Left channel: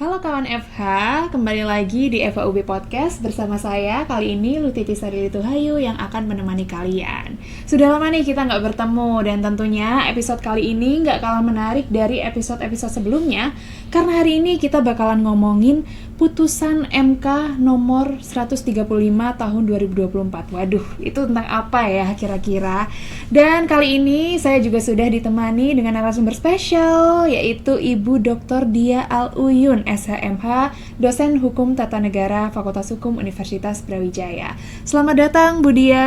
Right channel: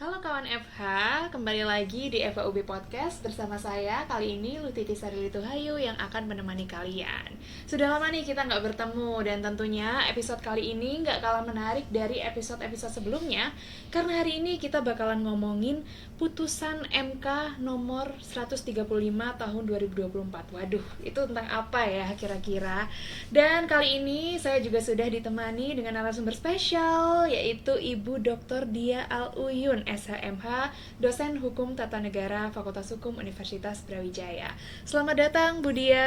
Halo kawan FH, kembali lagi di FHUB Podcast bersama saya kali ini Lutiti Sari Tuhayu yang akan menemani kalian. Sudah lama nih kita nggak bertemu dan tentunya episode kali ini nggak kalah menarik dari episode-episode sebelumnya karena hari ini kita bakalan ngomongin putusan MK nomor 135 tahun 2024. Waduh, itu tentang apa ya kira-kira? Dan kali ini saya juga sudah ditemani dengan narasumber spesial yaitu Ibu Dr. Dia Al-Uyun, SHMH, dosen Hukum Tata Negara Fakultas Hukum Universitas Brawijaya. Selamat datang Bu Dia.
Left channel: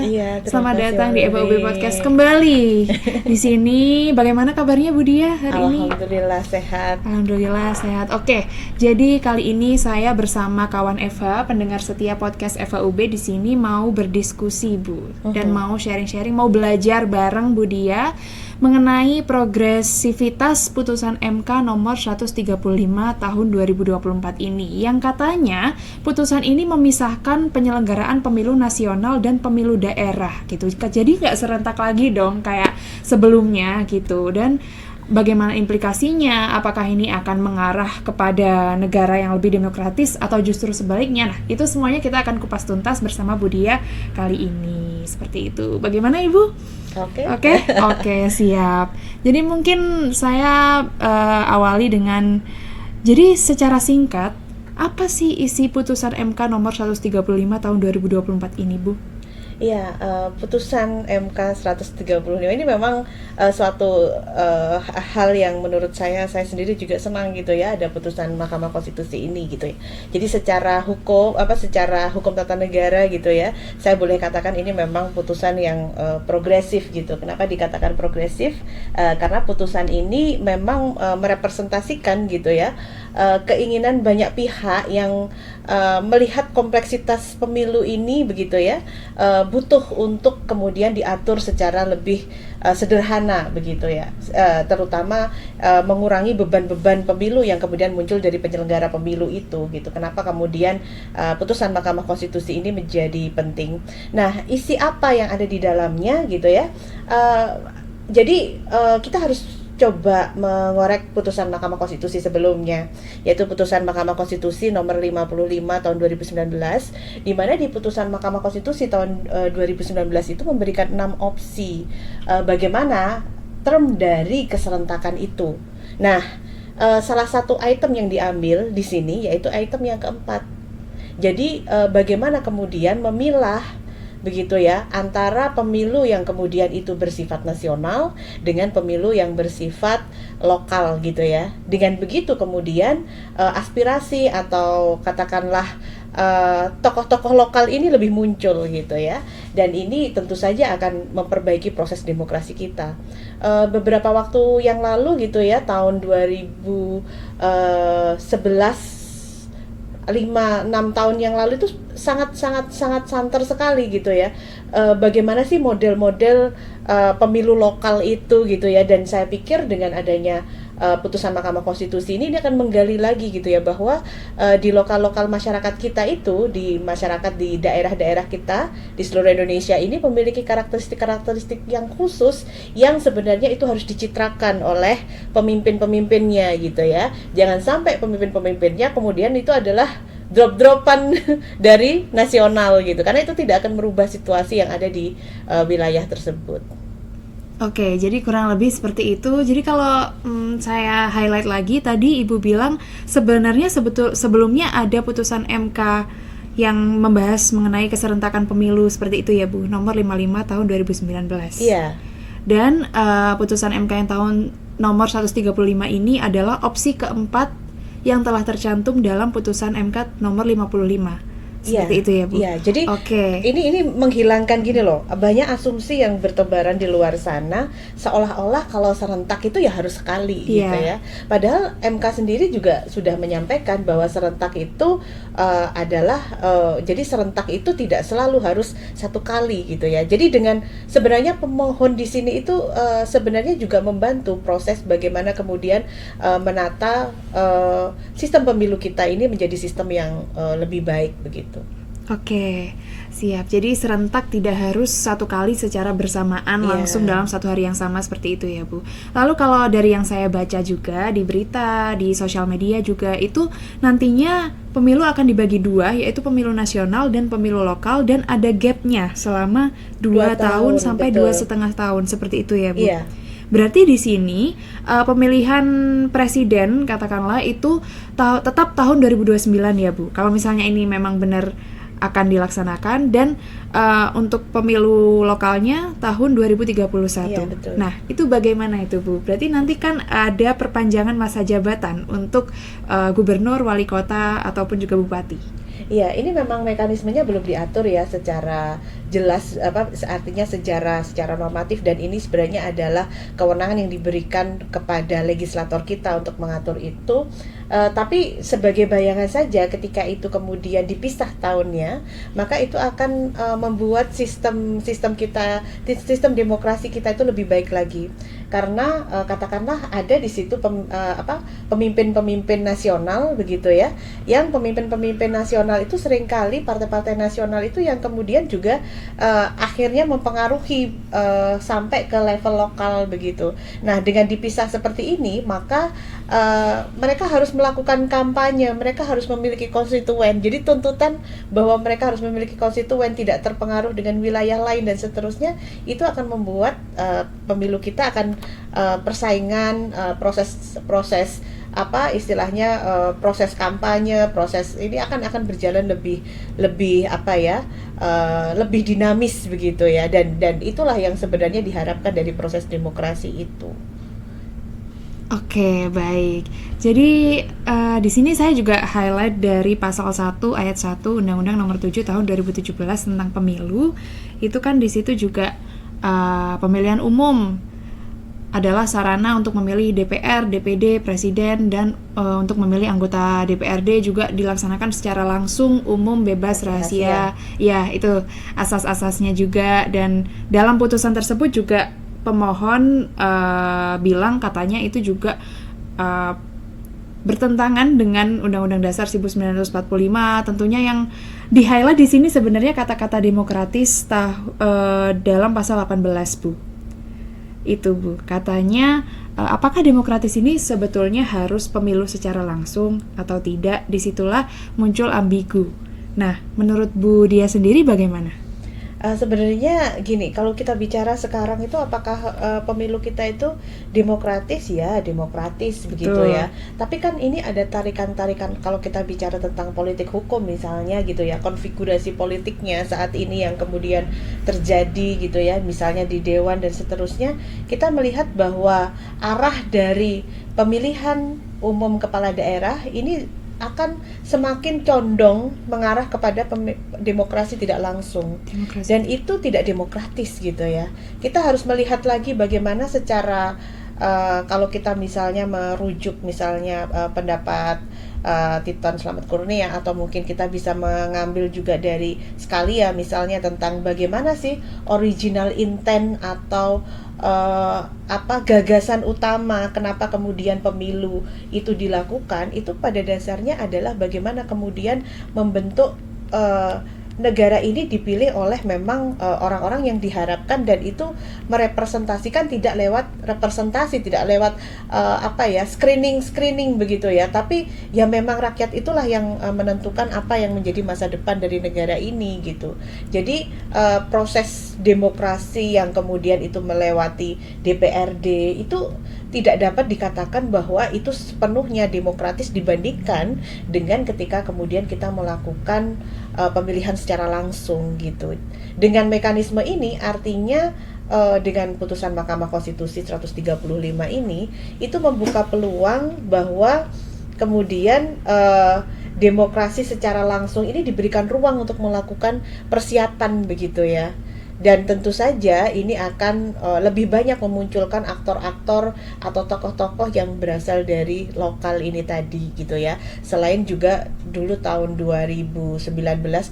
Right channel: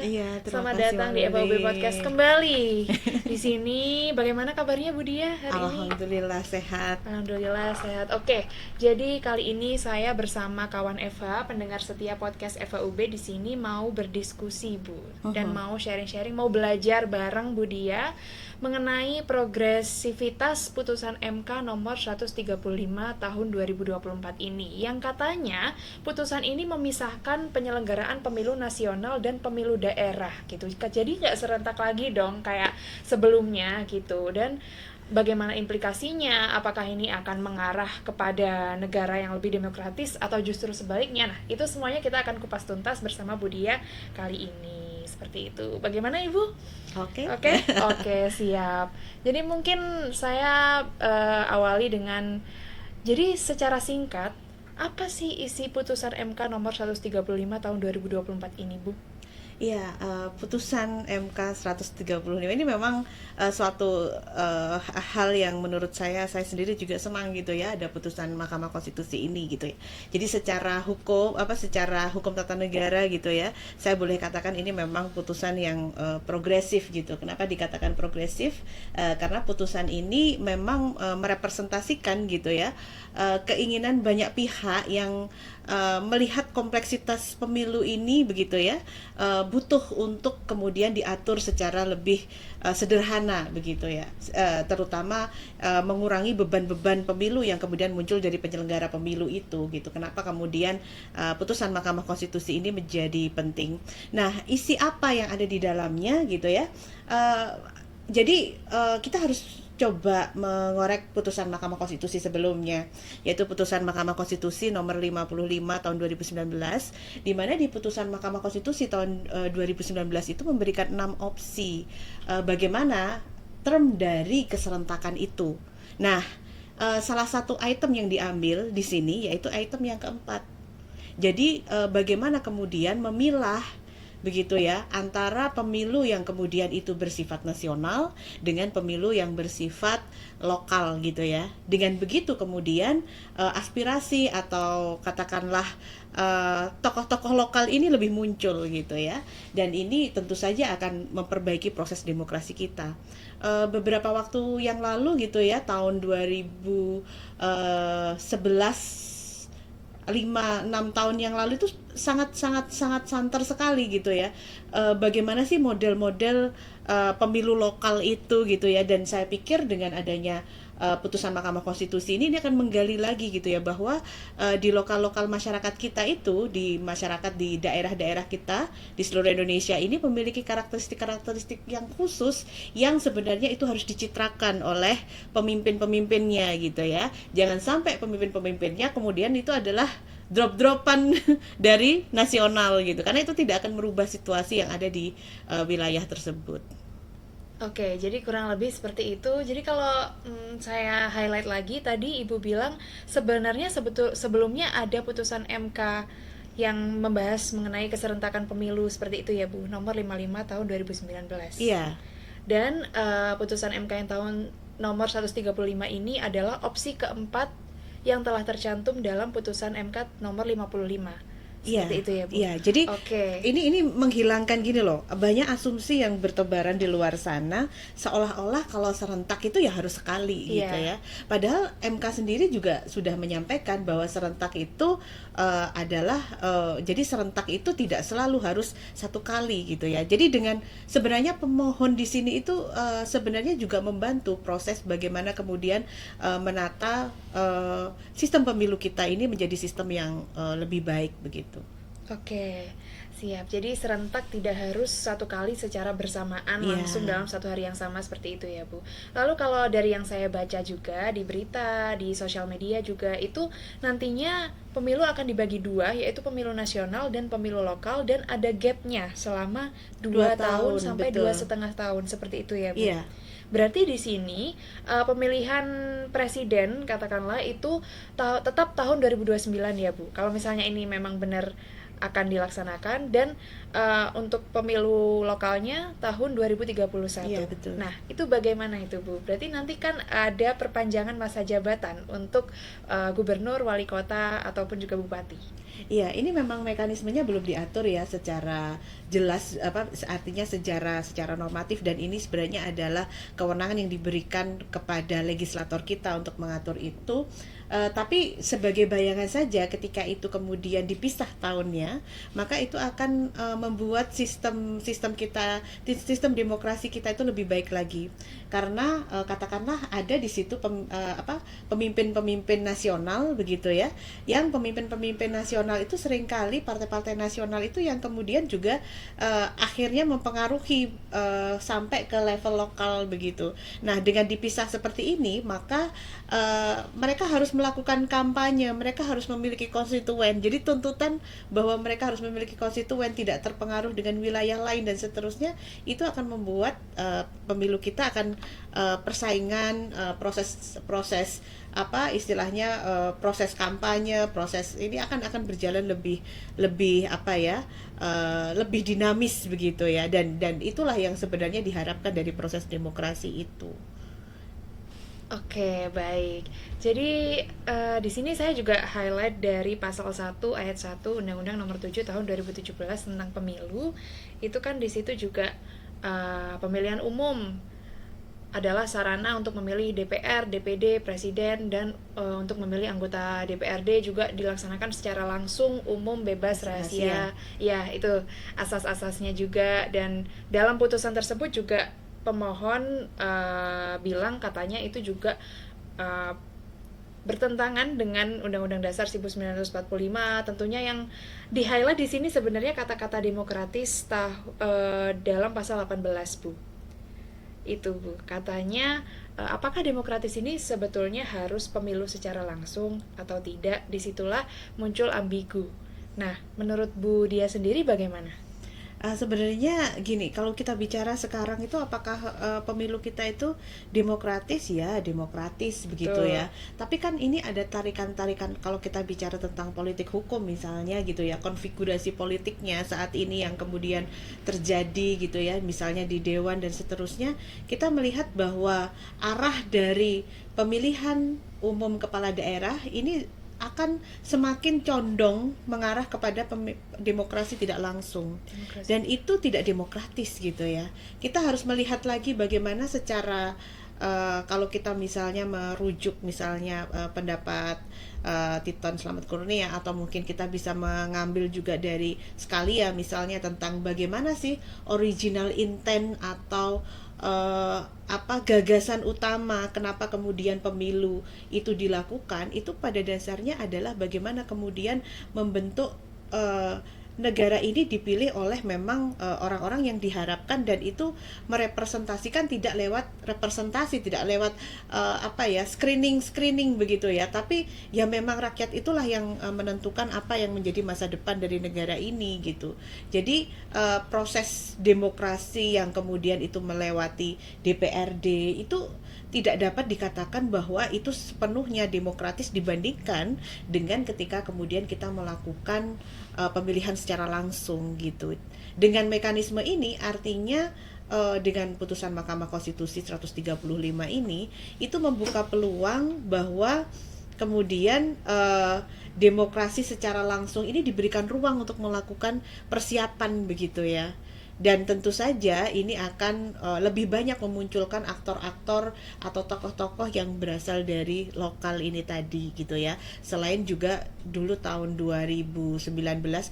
Iya, Selamat terima kasih datang di Mbak FHUB Rere. Podcast kembali. Di sini bagaimana kabarnya Bu Dia hari ini? Alhamdulillah sehat. Alhamdulillah sehat. Oke, jadi kali ini saya bersama kawan Eva, pendengar setia podcast FHUB di sini mau berdiskusi Bu dan mau sharing-sharing, mau belajar bareng Bu Dia mengenai progresivitas putusan MK nomor 135 tahun 2024 ini yang katanya putusan ini memisahkan penyelenggaraan pemilu nasional dan pemilu daerah gitu. Jadi nggak serentak lagi dong kayak sebelumnya gitu. Dan bagaimana implikasinya, apakah ini akan mengarah kepada negara yang lebih demokratis atau justru sebaliknya. Nah, itu semuanya kita akan kupas tuntas bersama Bu Dia kali ini. Seperti itu. Bagaimana Ibu? Oke, siap. Jadi mungkin saya awali dengan, jadi secara singkat, apa sih isi putusan MK nomor 135 tahun 2024 ini, Bu? Iya, putusan MK 135 ini memang suatu hal yang menurut saya sendiri juga senang gitu ya, ada putusan Mahkamah Konstitusi ini gitu ya. Jadi secara hukum tata negara gitu ya, saya boleh katakan ini memang putusan yang progresif gitu. Kenapa dikatakan progresif? Karena putusan ini memang merepresentasikan gitu ya, keinginan banyak pihak yang melihat kompleksitas pemilu ini begitu ya, butuh untuk kemudian diatur secara lebih sederhana begitu ya, terutama mengurangi beban-beban pemilu yang kemudian muncul dari penyelenggara pemilu itu gitu. Kenapa kemudian putusan Mahkamah Konstitusi ini menjadi penting? Nah, isi apa yang ada di dalamnya gitu ya? Jadi kita harus coba mengorek putusan Mahkamah Konstitusi sebelumnya, yaitu putusan Mahkamah Konstitusi nomor 55 tahun 2019, di mana di putusan Mahkamah Konstitusi tahun 2019 itu memberikan 6 opsi bagaimana term dari keserentakan itu. Nah, salah satu item yang diambil di sini yaitu item yang keempat. Jadi bagaimana kemudian memilah begitu ya antara pemilu yang kemudian itu bersifat nasional dengan pemilu yang bersifat lokal gitu ya. Dengan begitu kemudian aspirasi atau katakanlah tokoh-tokoh lokal ini lebih muncul gitu ya. Dan ini tentu saja akan memperbaiki proses demokrasi kita. Beberapa waktu yang lalu gitu ya, tahun 2011, 5-6 tahun yang lalu itu sangat santer sekali gitu ya. Bagaimana sih model-model pemilu lokal itu gitu ya. Dan saya pikir dengan adanya putusan Mahkamah Konstitusi ini akan menggali lagi gitu ya, bahwa di lokal-lokal masyarakat kita itu, di masyarakat di daerah-daerah kita di seluruh Indonesia ini memiliki karakteristik-karakteristik yang khusus yang sebenarnya itu harus dicitrakan oleh pemimpin-pemimpinnya gitu ya. Jangan sampai pemimpin-pemimpinnya kemudian itu adalah drop-dropan dari nasional gitu, karena itu tidak akan merubah situasi yang ada di wilayah tersebut. Oke, jadi kurang lebih seperti itu. Jadi kalau saya highlight lagi, tadi Ibu bilang sebenarnya sebelumnya ada putusan MK yang membahas mengenai keserentakan pemilu seperti itu ya Bu, nomor 55 tahun 2019. Iya. Dan putusan MK yang tahun nomor 135 ini adalah opsi keempat yang telah tercantum dalam putusan MK nomor 55. Seperti itu ya Bu. Iya, jadi ini menghilangkan gini loh, banyak asumsi yang bertebaran di luar sana seolah-olah kalau serentak itu ya harus sekali gitu ya. Padahal MK sendiri juga sudah menyampaikan bahwa serentak itu adalah jadi serentak itu tidak selalu harus satu kali gitu ya. Jadi dengan sebenarnya pemohon di sini itu sebenarnya juga membantu proses bagaimana kemudian menata sistem pemilu kita ini menjadi sistem yang lebih baik begitu. Oke, siap. Jadi serentak tidak harus satu kali secara bersamaan Iya. langsung dalam satu hari yang sama seperti itu ya Bu. Lalu kalau dari yang saya baca juga di berita, di sosial media juga itu nantinya pemilu akan dibagi dua, yaitu pemilu nasional dan pemilu lokal, dan ada gapnya selama 2 tahun sampai betul. 2,5 tahun seperti itu ya Bu. Iya. Berarti di sini pemilihan presiden katakanlah itu tetap tahun 2029 ya Bu. Kalau misalnya ini memang benar akan dilaksanakan, dan untuk pemilu lokalnya tahun 2031. Iya, betul. Nah, itu bagaimana itu Bu? Berarti nanti kan ada perpanjangan masa jabatan untuk gubernur, wali kota ataupun juga bupati. Iya, ini memang mekanismenya belum diatur ya secara jelas, artinya secara normatif, dan ini sebenarnya adalah kewenangan yang diberikan kepada legislator kita untuk mengatur itu. Tapi sebagai bayangan saja, ketika itu kemudian dipisah tahunnya, maka itu akan membuat sistem sistem demokrasi kita itu lebih baik lagi. Karena katakanlah ada di situ pemimpin-pemimpin nasional begitu ya, yang pemimpin-pemimpin nasional itu seringkali partai-partai nasional itu yang kemudian juga akhirnya mempengaruhi sampai ke level lokal begitu. Nah, dengan dipisah seperti ini, maka mereka harus melakukan kampanye, mereka harus memiliki konstituen. Jadi tuntutan bahwa mereka harus memiliki konstituen, tidak terpengaruh dengan wilayah lain dan seterusnya, itu akan membuat pemilu kita akan persaingan, proses istilahnya proses kampanye, proses ini akan berjalan lebih lebih dinamis begitu ya, dan itulah yang sebenarnya diharapkan dari proses demokrasi itu. Oke, baik. Jadi di sini saya juga highlight dari pasal 1 ayat 1 Undang-Undang Nomor 7 Tahun 2017 tentang pemilu. Itu kan di situ juga pemilihan umum adalah sarana untuk memilih DPR, DPD, presiden, dan untuk memilih anggota DPRD juga dilaksanakan secara langsung, umum, bebas, rahasia. Ya, itu asas-asasnya juga, dan dalam putusan tersebut juga pemohon bilang katanya itu juga bertentangan dengan Undang-Undang Dasar 1945. Tentunya yang di-highlight di sini sebenarnya kata-kata demokratis dalam pasal 18, Bu. Itu, Bu. Katanya apakah demokratis ini sebetulnya harus pemilu secara langsung atau tidak? Disitulah muncul ambigu. Nah, menurut Bu Dia sendiri bagaimana? Sebenarnya gini, kalau kita bicara sekarang itu apakah pemilu kita itu demokratis? Ya, demokratis begitu ya. Tapi kan ini ada tarikan-tarikan, kalau kita bicara tentang politik hukum misalnya gitu ya, konfigurasi politiknya saat ini yang kemudian terjadi gitu ya, misalnya di dewan dan seterusnya, kita melihat bahwa arah dari pemilihan umum kepala daerah ini akan semakin condong mengarah kepada demokrasi tidak langsung. Dan itu tidak demokratis gitu ya. Kita harus melihat lagi bagaimana secara kalau kita misalnya merujuk misalnya pendapat Titon Slamet Kurnia, atau mungkin kita bisa mengambil juga dari Scalia misalnya tentang bagaimana sih original intent atau gagasan utama kenapa kemudian pemilu itu dilakukan, itu pada dasarnya adalah bagaimana kemudian membentuk negara ini dipilih oleh memang orang-orang yang diharapkan, dan itu merepresentasikan tidak lewat representasi, tidak lewat screening begitu ya, tapi ya memang rakyat itulah yang menentukan apa yang menjadi masa depan dari negara ini gitu. Jadi proses demokrasi yang kemudian itu melewati DPRD itu tidak dapat dikatakan bahwa itu sepenuhnya demokratis dibandingkan dengan ketika kemudian kita melakukan pemilihan secara langsung gitu. Dengan mekanisme ini artinya dengan putusan Mahkamah Konstitusi 135 ini itu membuka peluang bahwa kemudian demokrasi secara langsung ini diberikan ruang untuk melakukan persiapan begitu ya. Dan tentu saja ini akan lebih banyak memunculkan aktor-aktor atau tokoh-tokoh yang berasal dari lokal ini tadi gitu ya. Selain juga dulu tahun 2019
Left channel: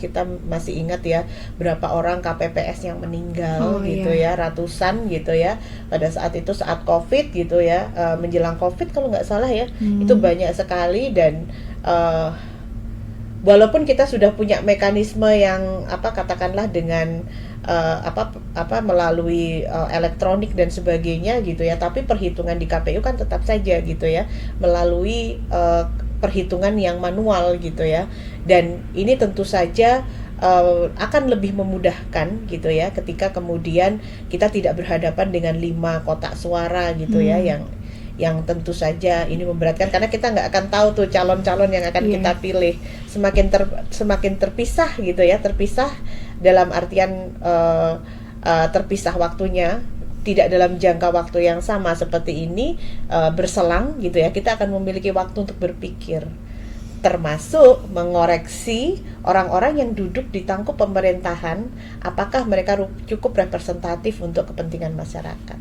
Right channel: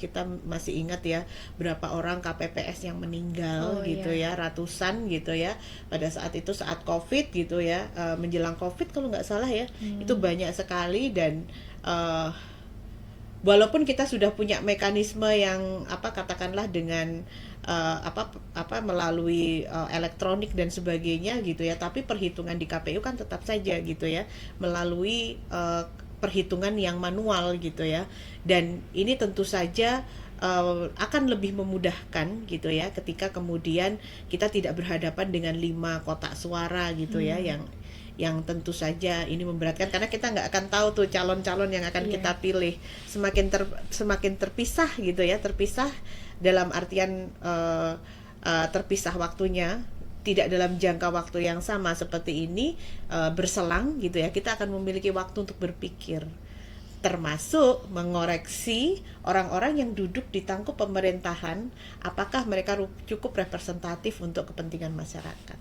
kita masih ingat ya berapa orang KPPS yang meninggal gitu ya, ratusan gitu ya. Pada saat itu saat Covid gitu ya, menjelang Covid kalau nggak salah ya, itu banyak sekali, dan walaupun kita sudah punya mekanisme yang katakanlah dengan melalui elektronik dan sebagainya gitu ya, tapi perhitungan di KPU kan tetap saja gitu ya melalui perhitungan yang manual gitu ya, dan ini tentu saja akan lebih memudahkan gitu ya ketika kemudian kita tidak berhadapan dengan 5 kotak suara gitu ya, yang tentu saja ini memberatkan karena kita nggak akan tahu tuh calon-calon yang akan kita pilih, semakin terpisah gitu ya, terpisah dalam artian terpisah waktunya, tidak dalam jangka waktu yang sama seperti ini, berselang gitu ya, kita akan memiliki waktu untuk berpikir, termasuk mengoreksi orang-orang yang duduk di tangkup pemerintahan, apakah mereka cukup representatif untuk kepentingan masyarakat.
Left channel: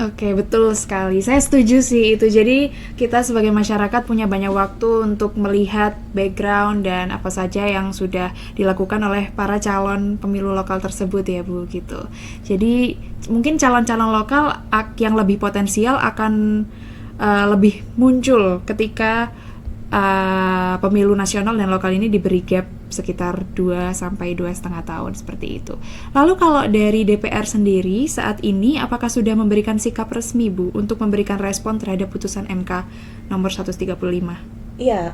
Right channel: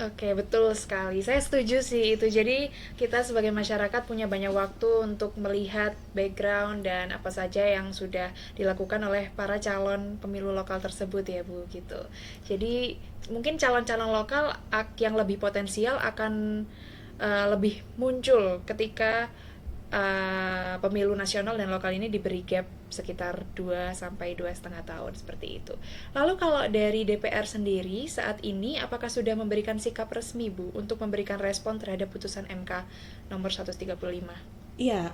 Oke, betul sekali. Saya setuju sih itu. Jadi kita sebagai masyarakat punya banyak waktu untuk melihat background dan apa saja yang sudah dilakukan oleh para calon pemilu lokal tersebut ya Bu, gitu. Jadi mungkin calon-calon lokal yang lebih potensial akan lebih muncul ketika pemilu nasional dan lokal ini diberi gap sekitar 2 sampai 2,5 tahun seperti itu. Lalu kalau dari DPR sendiri saat ini apakah sudah memberikan sikap resmi Bu untuk memberikan respon terhadap putusan MK nomor 135? Iya,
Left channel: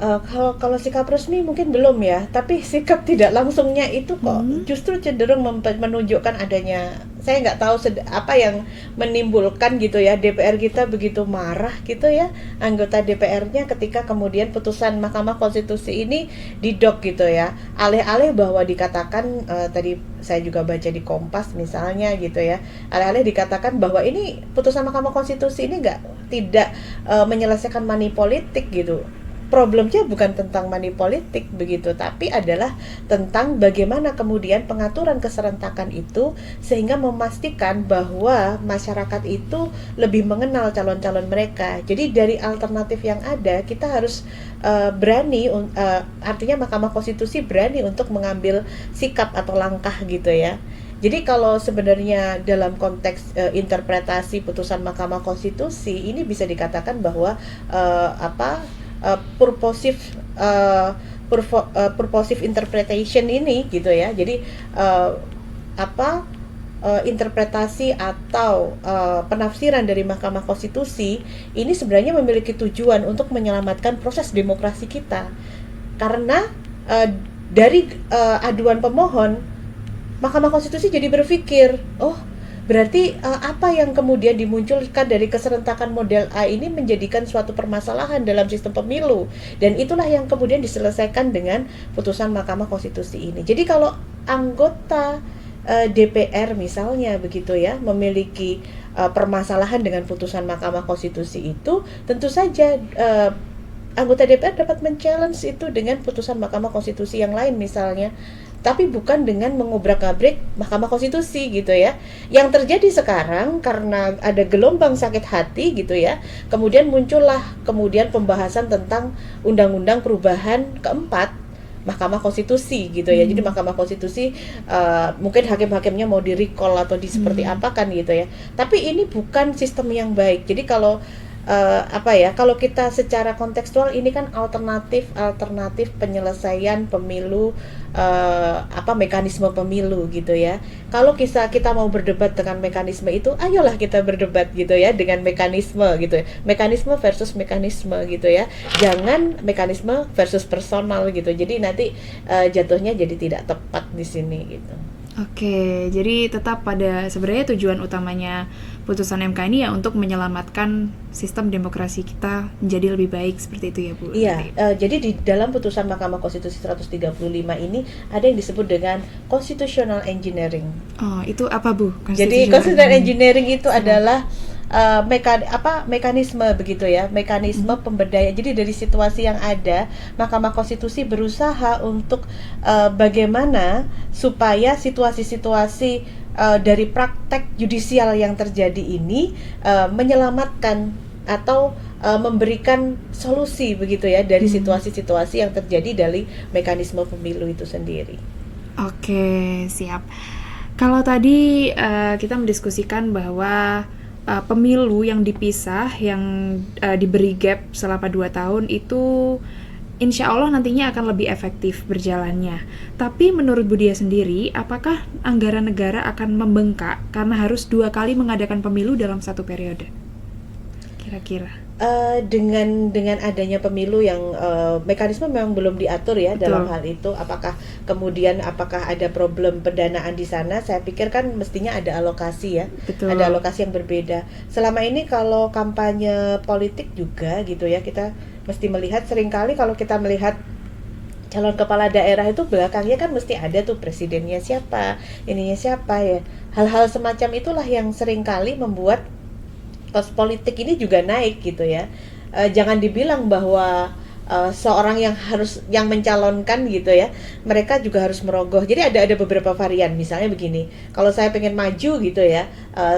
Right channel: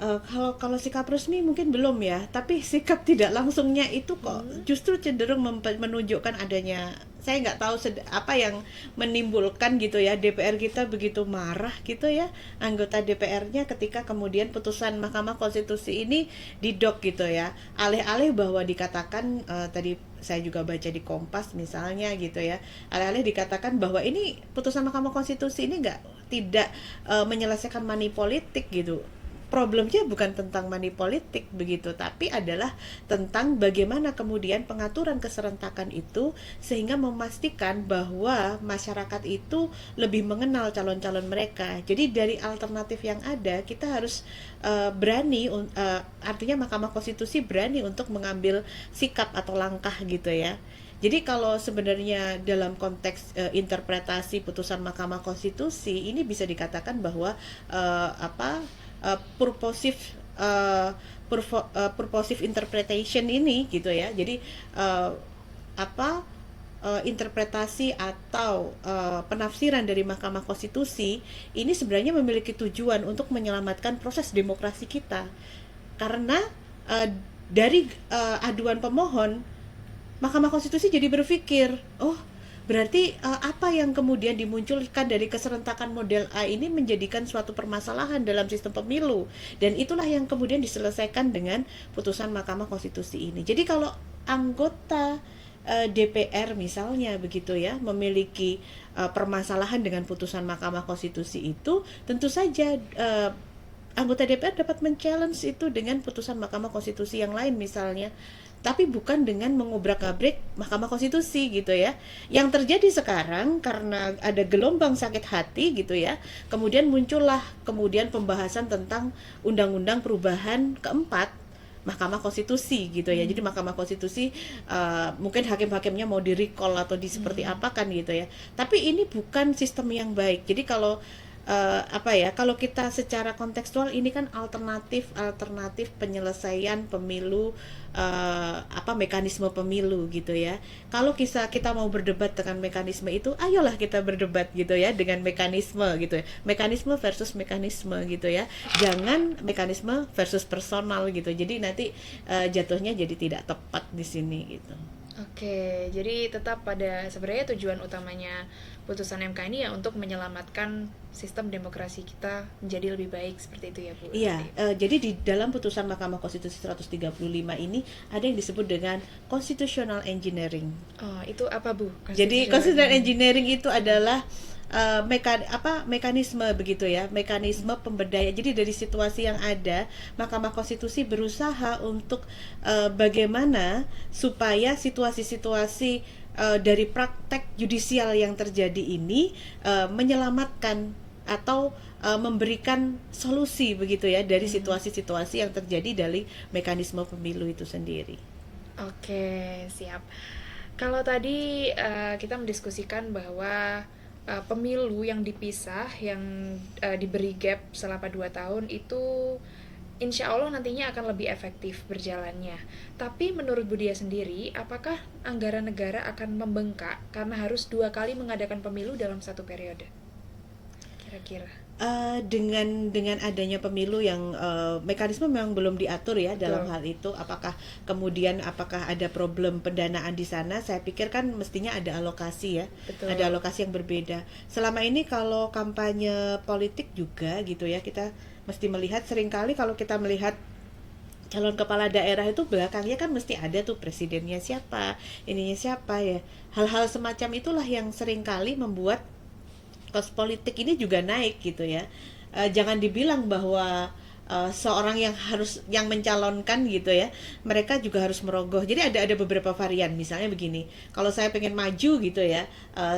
kalau sikap resmi mungkin belum ya, tapi sikap tidak langsungnya itu kok justru cenderung menunjukkan adanya, saya nggak tahu apa yang menimbulkan gitu ya, DPR kita begitu marah gitu ya, anggota DPR-nya ketika kemudian putusan Mahkamah Konstitusi ini didok gitu ya, alih-alih bahwa dikatakan, tadi saya juga baca di Kompas misalnya gitu ya, alih-alih dikatakan bahwa ini putusan Mahkamah Konstitusi ini tidak menyelesaikan money politik gitu. Problemnya bukan tentang money politik begitu, tapi adalah tentang bagaimana kemudian pengaturan keserentakan itu sehingga memastikan bahwa masyarakat itu lebih mengenal calon-calon mereka. Jadi dari alternatif yang ada kita harus berani, artinya Mahkamah Konstitusi berani untuk mengambil sikap atau langkah gitu ya. Jadi kalau sebenarnya dalam konteks interpretasi putusan Mahkamah Konstitusi ini bisa dikatakan bahwa purposive interpretation ini gitu ya. Jadi interpretasi atau penafsiran dari Mahkamah Konstitusi ini sebenarnya memiliki tujuan untuk menyelamatkan proses demokrasi kita. Karena dari aduan pemohon, Mahkamah Konstitusi jadi berpikir, berarti apa yang kemudian dimunculkan dari keserentakan model A ini menjadikan suatu permasalahan dalam sistem pemilu, dan itulah yang kemudian diselesaikan dengan putusan Mahkamah Konstitusi ini. Jadi kalau anggota DPR misalnya begitu ya memiliki permasalahan dengan putusan Mahkamah Konstitusi itu, tentu saja anggota DPR dapat men-challenge itu dengan putusan Mahkamah Konstitusi yang lain misalnya, tapi bukan dengan mengobrak-abrik Mahkamah Konstitusi gitu ya. Yang terjadi sekarang karena ada gelombang sakit hati gitu ya, kemudian muncullah pembahasan tentang undang-undang perubahan keempat Mahkamah Konstitusi gitu ya. Jadi Mahkamah Konstitusi mungkin hakim-hakimnya mau di-recall atau seperti apa kan gitu ya. Tapi ini bukan sistem yang baik. Jadi kalau kalau kita secara kontekstual ini kan alternatif penyelesaian pemilu, mekanisme pemilu gitu ya. Kalau kita mau berdebat dengan mekanisme itu, ayolah kita berdebat gitu ya dengan mekanisme gitu ya. Mekanisme versus mekanisme gitu ya. Jangan mekanisme versus personal gitu. Jadi nanti jatuhnya jadi tidak tepat di sini gitu. Oke, jadi tetap pada sebenarnya tujuan utamanya putusan MK ini ya untuk menyelamatkan sistem demokrasi kita menjadi lebih baik seperti itu ya Bu. Iya, jadi di dalam putusan Mahkamah Konstitusi 135 ini ada yang disebut dengan constitutional engineering. Oh, itu apa Bu? Jadi constitutional engineering itu adalah mekanisme begitu ya, mekanisme pemberdayaan. Jadi dari situasi yang ada, Mahkamah Konstitusi berusaha untuk bagaimana supaya situasi-situasi dari praktek yudisial yang terjadi ini menyelamatkan atau memberikan solusi begitu ya dari situasi-situasi yang terjadi dari mekanisme pemilu itu sendiri. Oke, siap. Kalau tadi kita mendiskusikan bahwa pemilu yang dipisah, yang diberi gap selama 2 tahun itu insya Allah nantinya akan lebih efektif berjalannya. Tapi menurut Budia sendiri, apakah anggaran negara akan membengkak karena harus 2 kali mengadakan pemilu dalam 1 periode? Kira-kira. Dengan adanya pemilu yang mekanisme memang belum diatur ya. Betul. Dalam hal itu, apakah ada problem pendanaan di sana? Saya pikir kan mestinya ada alokasi ya. Betul. Ada alokasi yang berbeda. Selama ini kalau kampanye politik juga gitu ya, kita mesti melihat, seringkali kalau kita melihat calon kepala daerah itu belakangnya kan mesti ada tuh presidennya siapa, ininya siapa ya. Hal-hal semacam itulah yang seringkali membuat kos politik ini juga naik gitu ya. Jangan dibilang bahwa seorang yang mencalonkan gitu ya, mereka juga harus merogoh. Jadi ada beberapa varian. Misalnya begini, kalau saya pengen maju gitu ya,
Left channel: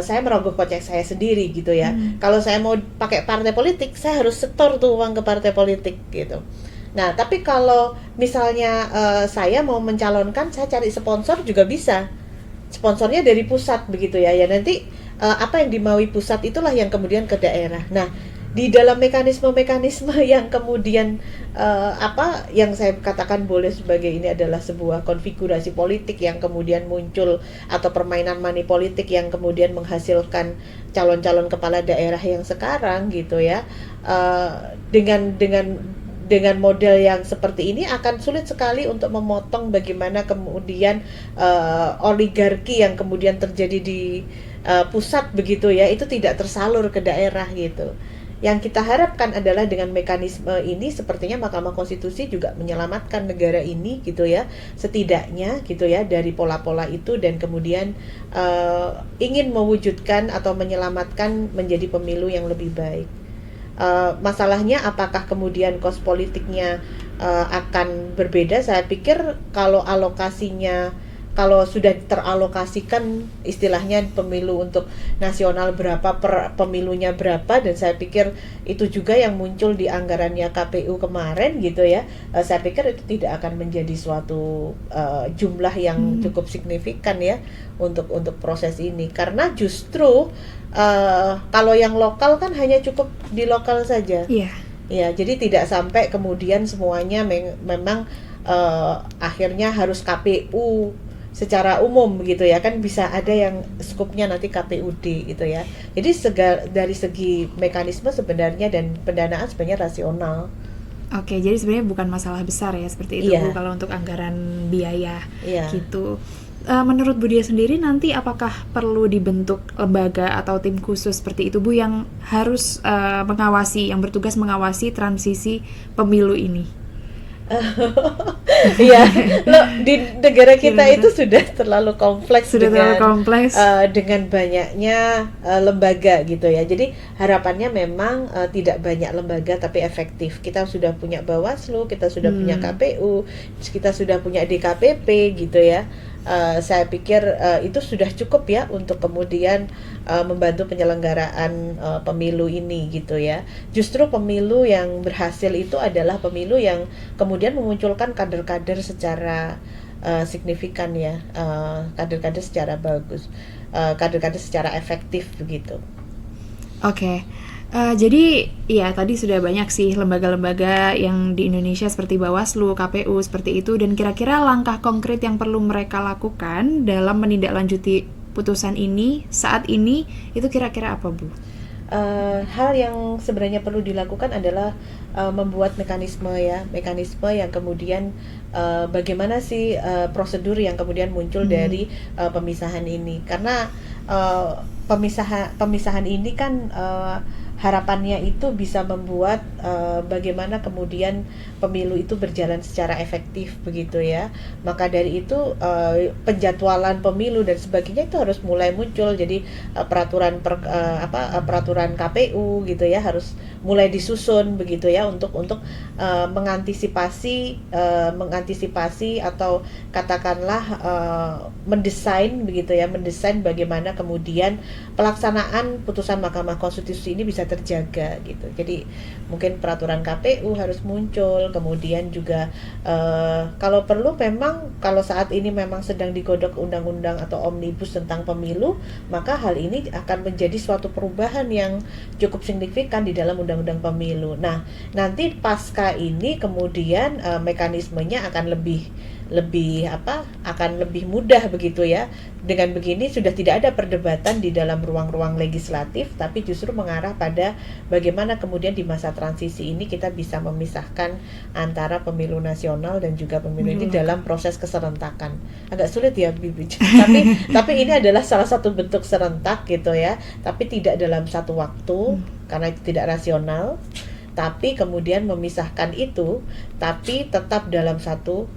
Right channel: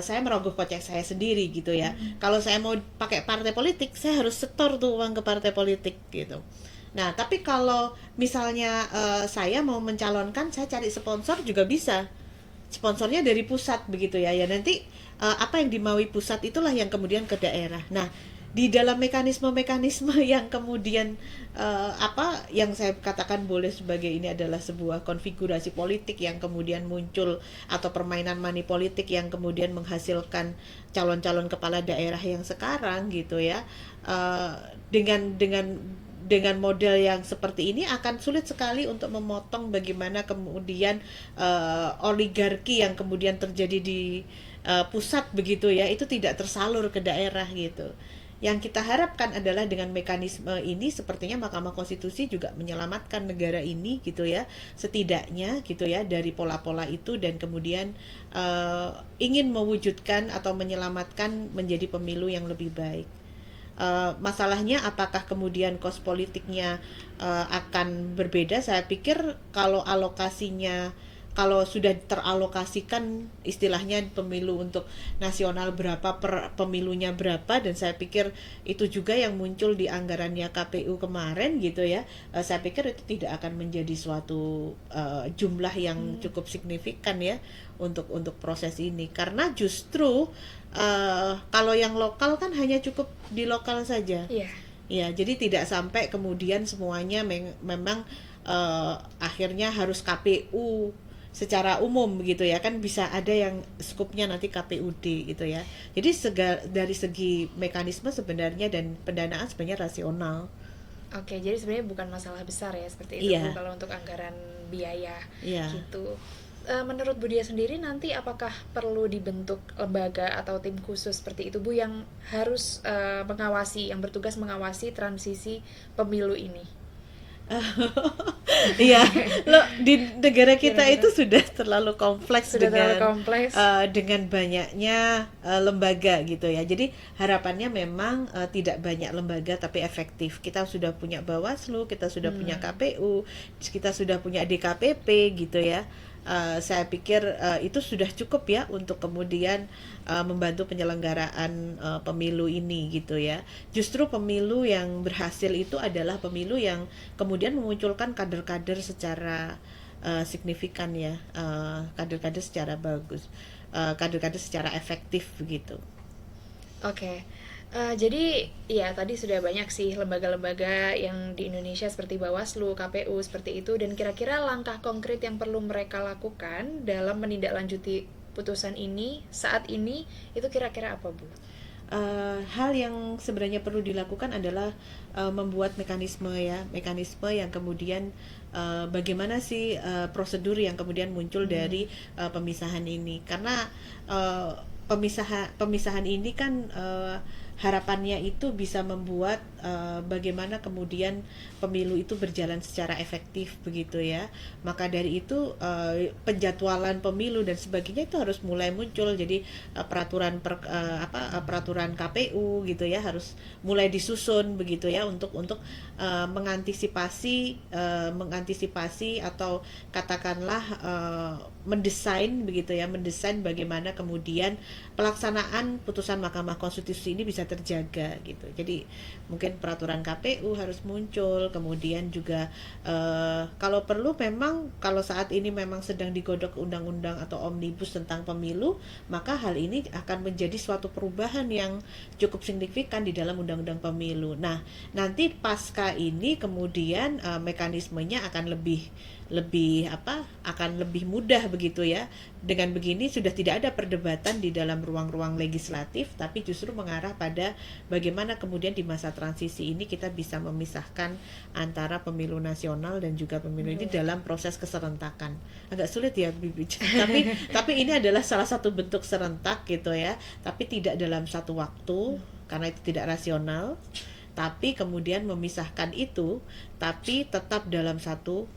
saya merogoh kocek saya sendiri gitu ya. Kalau saya mau pakai partai politik, saya harus setor tuh uang ke partai politik gitu. Nah, tapi kalau misalnya saya mau mencalonkan, saya cari sponsor juga bisa. Sponsornya dari pusat begitu ya. Ya nanti apa yang dimaui pusat itulah yang kemudian ke daerah. Nah, di dalam mekanisme-mekanisme yang kemudian yang saya katakan boleh sebagai ini adalah sebuah konfigurasi politik yang kemudian muncul, atau permainan money politik yang kemudian menghasilkan calon-calon kepala daerah yang sekarang gitu ya. Dengan model yang seperti ini akan sulit sekali untuk memotong bagaimana kemudian oligarki yang kemudian terjadi di pusat begitu ya, itu tidak tersalur ke daerah gitu. Yang kita harapkan adalah dengan mekanisme ini sepertinya Mahkamah Konstitusi juga menyelamatkan negara ini gitu ya, setidaknya gitu ya, dari pola-pola itu, dan kemudian ingin mewujudkan atau menyelamatkan menjadi pemilu yang lebih baik. Masalahnya apakah kemudian kos politiknya akan berbeda? Saya pikir kalau sudah teralokasikan istilahnya pemilu untuk nasional berapa, per pemilunya berapa, dan saya pikir itu juga yang muncul di anggarannya KPU kemarin gitu ya. Saya pikir itu tidak akan menjadi suatu jumlah yang cukup signifikan ya untuk proses ini, karena justru kalau yang lokal kan hanya cukup di lokal saja. Iya. Ya, jadi tidak sampai kemudian semuanya memang akhirnya harus KPU secara umum begitu ya, kan bisa ada yang skupnya nanti KPUD gitu ya. Jadi dari segi mekanisme sebenarnya dan pendanaan sebenarnya rasional. Oke, jadi sebenarnya bukan masalah besar ya seperti itu, Iya. Bu, kalau untuk anggaran biaya Iya. gitu. Menurut Budia sendiri nanti apakah perlu dibentuk lembaga atau tim khusus seperti itu, Bu, yang harus yang bertugas mengawasi transisi pemilu ini? Iya, di negara kita itu sudah terlalu kompleks, dengan banyaknya lembaga gitu ya. Jadi harapannya memang tidak banyak lembaga tapi efektif. Kita sudah punya Bawaslu, kita sudah punya KPU, kita sudah punya DKPP gitu ya. Saya pikir itu sudah cukup ya untuk kemudian membantu penyelenggaraan pemilu ini gitu ya. Justru pemilu yang berhasil itu adalah pemilu yang kemudian memunculkan kader-kader secara signifikan ya, kader-kader secara bagus, kader-kader secara efektif begitu. Oke. Jadi ya tadi sudah banyak sih lembaga-lembaga yang di Indonesia seperti Bawaslu, KPU seperti itu, dan kira-kira langkah konkret yang perlu mereka lakukan dalam menindaklanjuti putusan ini saat ini itu kira-kira apa, Bu? Hal yang sebenarnya perlu dilakukan adalah membuat mekanisme yang kemudian bagaimana sih prosedur yang kemudian muncul dari pemisahan ini, karena pemisahan ini kan harapannya itu bisa membuat bagaimana kemudian pemilu itu berjalan secara efektif begitu ya. Maka dari itu penjadwalan pemilu dan sebagainya itu harus mulai muncul. Jadi peraturan KPU gitu ya harus mulai disusun begitu ya untuk mengantisipasi atau katakanlah mendesain bagaimana kemudian pelaksanaan putusan Mahkamah Konstitusi ini bisa terjaga gitu. Jadi mungkin peraturan KPU harus muncul, kemudian juga kalau perlu memang kalau saat ini memang sedang digodok undang-undang atau omnibus tentang pemilu, maka hal ini akan menjadi suatu perubahan yang cukup signifikan di dalam undang-undang pemilu. Nah, nanti pasca ini kemudian mekanismenya akan lebih mudah begitu ya. Dengan begini sudah tidak ada perdebatan di dalam ruang-ruang legislatif, tapi justru mengarah pada bagaimana kemudian di masa transisi ini kita bisa memisahkan antara pemilu nasional dan juga pemilu ini dalam proses keserentakan. Agak sulit ya Bibi. tapi ini adalah salah satu bentuk serentak gitu ya, tapi tidak dalam satu waktu karena itu tidak rasional, tapi kemudian memisahkan itu tapi tetap dalam satu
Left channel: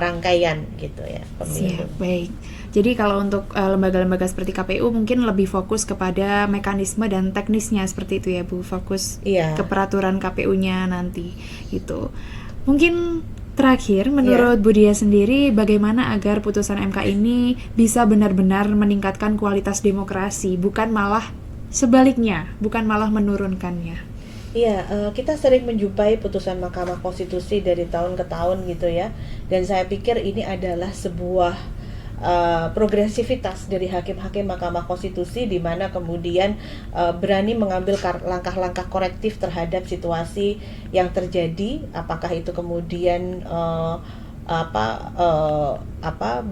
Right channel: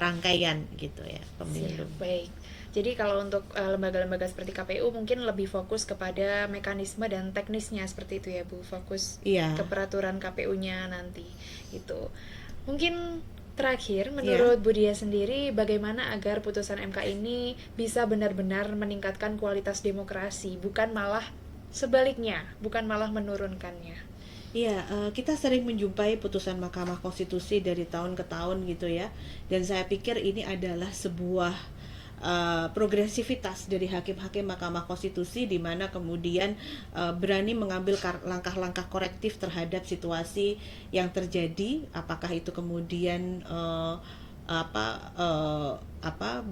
rangkaian gitu ya pemilu. Siap, baik. Jadi kalau untuk lembaga-lembaga seperti KPU mungkin lebih fokus kepada mekanisme dan teknisnya seperti itu ya Bu, fokus ke peraturan KPU-nya nanti gitu. Mungkin terakhir menurut Bu Dia sendiri bagaimana agar putusan MK ini bisa benar-benar meningkatkan kualitas demokrasi, bukan malah sebaliknya, bukan malah menurunkannya? Iya, kita sering menjumpai putusan Mahkamah Konstitusi dari tahun ke tahun gitu ya. Dan saya pikir ini adalah sebuah progresivitas dari hakim-hakim Mahkamah Konstitusi di mana kemudian berani mengambil langkah-langkah korektif terhadap situasi yang terjadi, apakah itu kemudian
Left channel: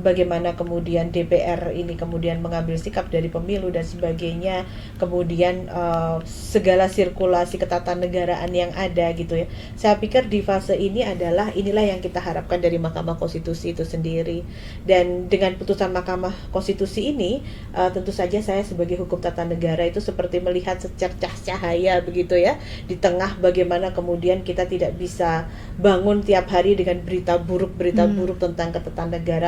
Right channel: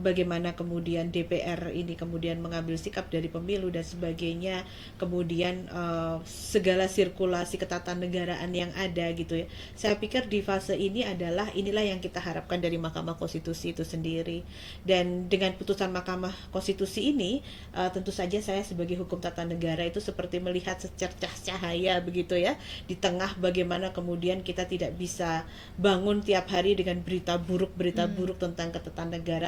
bagaimana kemudian DPR ini kemudian mengambil sikap dari pemilu dan sebagainya, kemudian segala sirkulasi ketatanegaraan yang ada gitu ya. Saya pikir di fase ini inilah yang kita harapkan dari Mahkamah Konstitusi itu sendiri. Dan dengan putusan Mahkamah Konstitusi ini tentu saja saya sebagai hukum tata negara itu seperti melihat secercah cahaya begitu ya, di tengah bagaimana kemudian kita tidak bisa bangun tiap hari dengan berita buruk tentang ketatanegaraan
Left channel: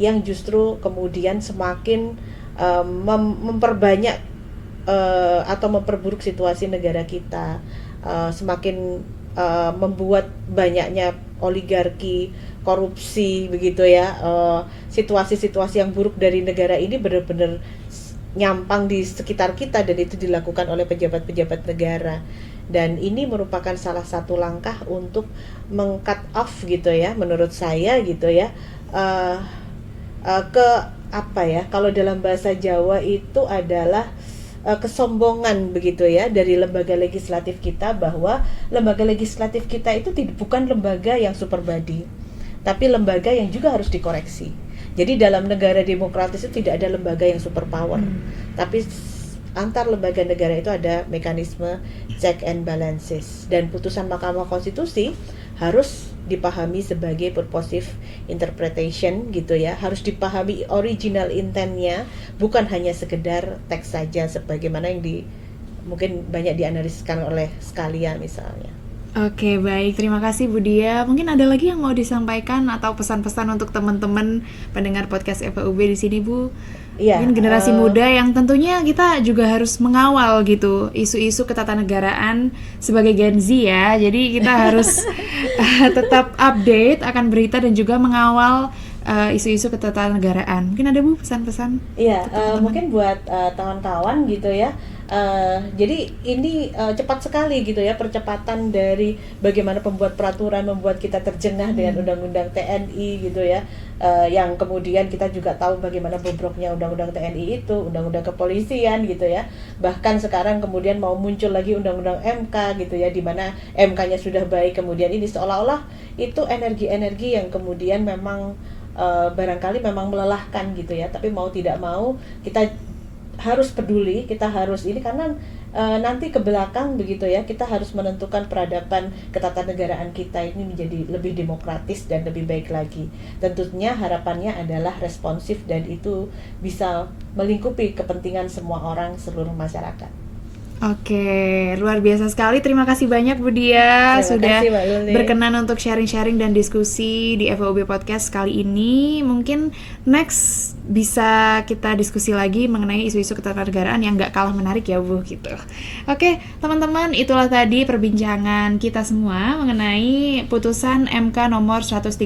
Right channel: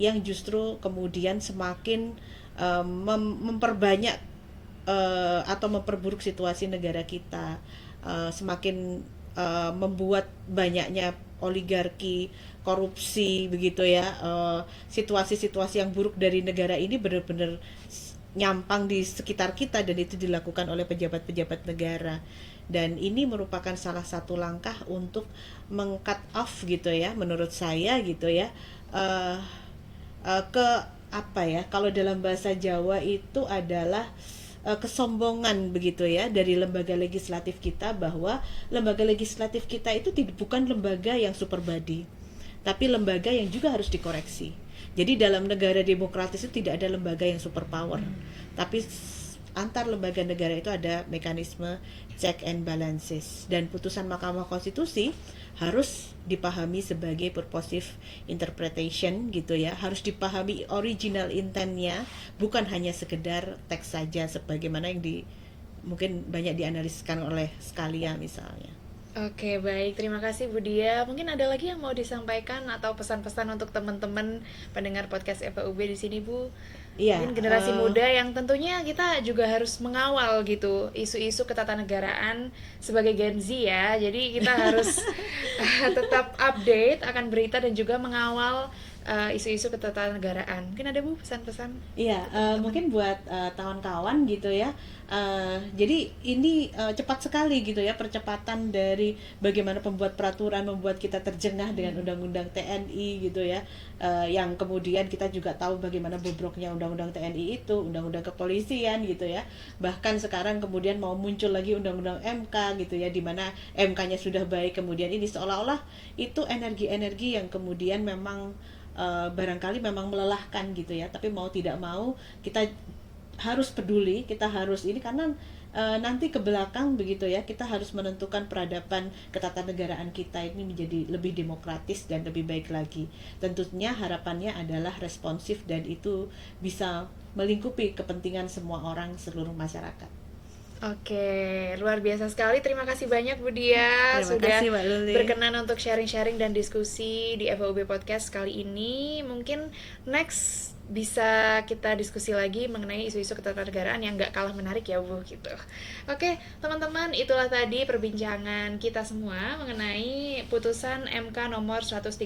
yang justru kemudian semakin memperbanyak atau memperburuk situasi negara kita, semakin membuat banyaknya oligarki, korupsi begitu ya, situasi-situasi yang buruk dari negara ini benar-benar nyampang di sekitar kita dan itu dilakukan oleh pejabat-pejabat negara. Dan ini merupakan salah satu langkah untuk meng-cut off gitu ya, menurut saya gitu ya, kalau dalam bahasa Jawa itu adalah kesombongan begitu ya dari lembaga legislatif kita, bahwa lembaga legislatif kita itu bukan lembaga yang super body, tapi lembaga yang juga harus dikoreksi. Jadi dalam negara demokratis itu tidak ada lembaga yang super power, tapi antar lembaga negara itu ada mekanisme check and balances, dan putusan Mahkamah Konstitusi harus dipahami sebagai purposive interpretation gitu ya, harus dipahami original intentnya, bukan hanya sekedar teks saja sebagaimana yang mungkin banyak dianaliskan oleh Scalia misalnya. Oke, baik. Terima kasih Bu Dia. Mungkin ada lagi yang mau disampaikan atau pesan-pesan untuk teman-teman pendengar podcast FEUB di sini, Bu? Iya. Mungkin generasi muda yang tentunya kita juga harus mengawal gitu isu-isu ketatanegaraan sebagai Gen Z ya. Jadi kita harus tetap update akan berita dan juga mengawal isu-isu ketatanegaraan. Mungkin ada Bu pesan-pesan? Iya, mungkin buat kawan-kawan gitu ya. Jadi ini cepat sekali gitu ya percepatan dari bagaimana pembuat peraturan membuat kita terjengah dengan undang-undang TNI gitu ya, yang kemudian kita juga tahu bagaimana bobroknya undang-undang TNI itu, undang-undang kepolisian gitu ya, bahkan sekarang kemudian mau muncul lagi undang-undang MK gitu ya, di mana MK-nya sudah baik, kemudian ini seolah-olah itu energi-energi yang kemudian memang barangkali memang melelahkan gitu ya, tapi mau tidak mau kita harus peduli, kita harus ini karena nanti ke belakang begitu ya, kita harus menentukan peradaban ketatanegaraan kita ini menjadi lebih demokratis dan lebih baik lagi. Tentunya harapannya adalah responsif dan itu bisa melingkupi kepentingan semua orang, seluruh masyarakat. Oke, luar biasa sekali. Terima kasih banyak Bu Dia sudah berkenan untuk sharing-sharing dan diskusi di FEUB Podcast kali ini. Mungkin next bisa kita diskusi lagi mengenai isu-isu ketatanegaraan yang nggak kalah menarik ya Bu gitu. Oke teman-teman, itulah tadi perbincangan kita semua mengenai putusan MK nomor 135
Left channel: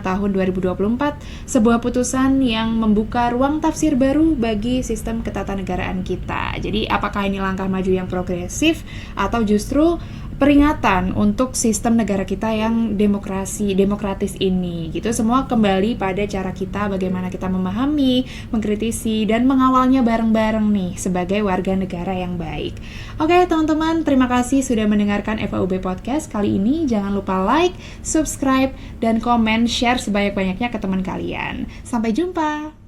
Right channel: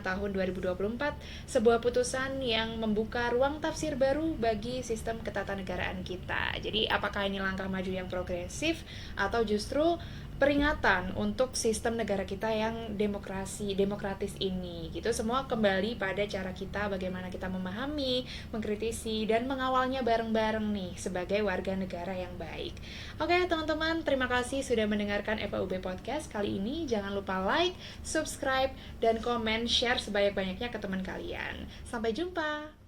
tahun 2024, sebuah putusan yang membuka ruang tafsir baru bagi sistem ketatanegaraan kita. Jadi apakah ini langkah maju yang progresif atau justru peringatan untuk sistem negara kita yang demokratis ini gitu. Semua kembali pada cara kita bagaimana kita memahami, mengkritisi dan mengawalnya bareng-bareng nih sebagai warga negara yang baik. Oke, teman-teman, terima kasih sudah mendengarkan FAUB Podcast kali ini. Jangan lupa like, subscribe dan komen, share sebanyak-banyaknya ke teman kalian. Sampai jumpa.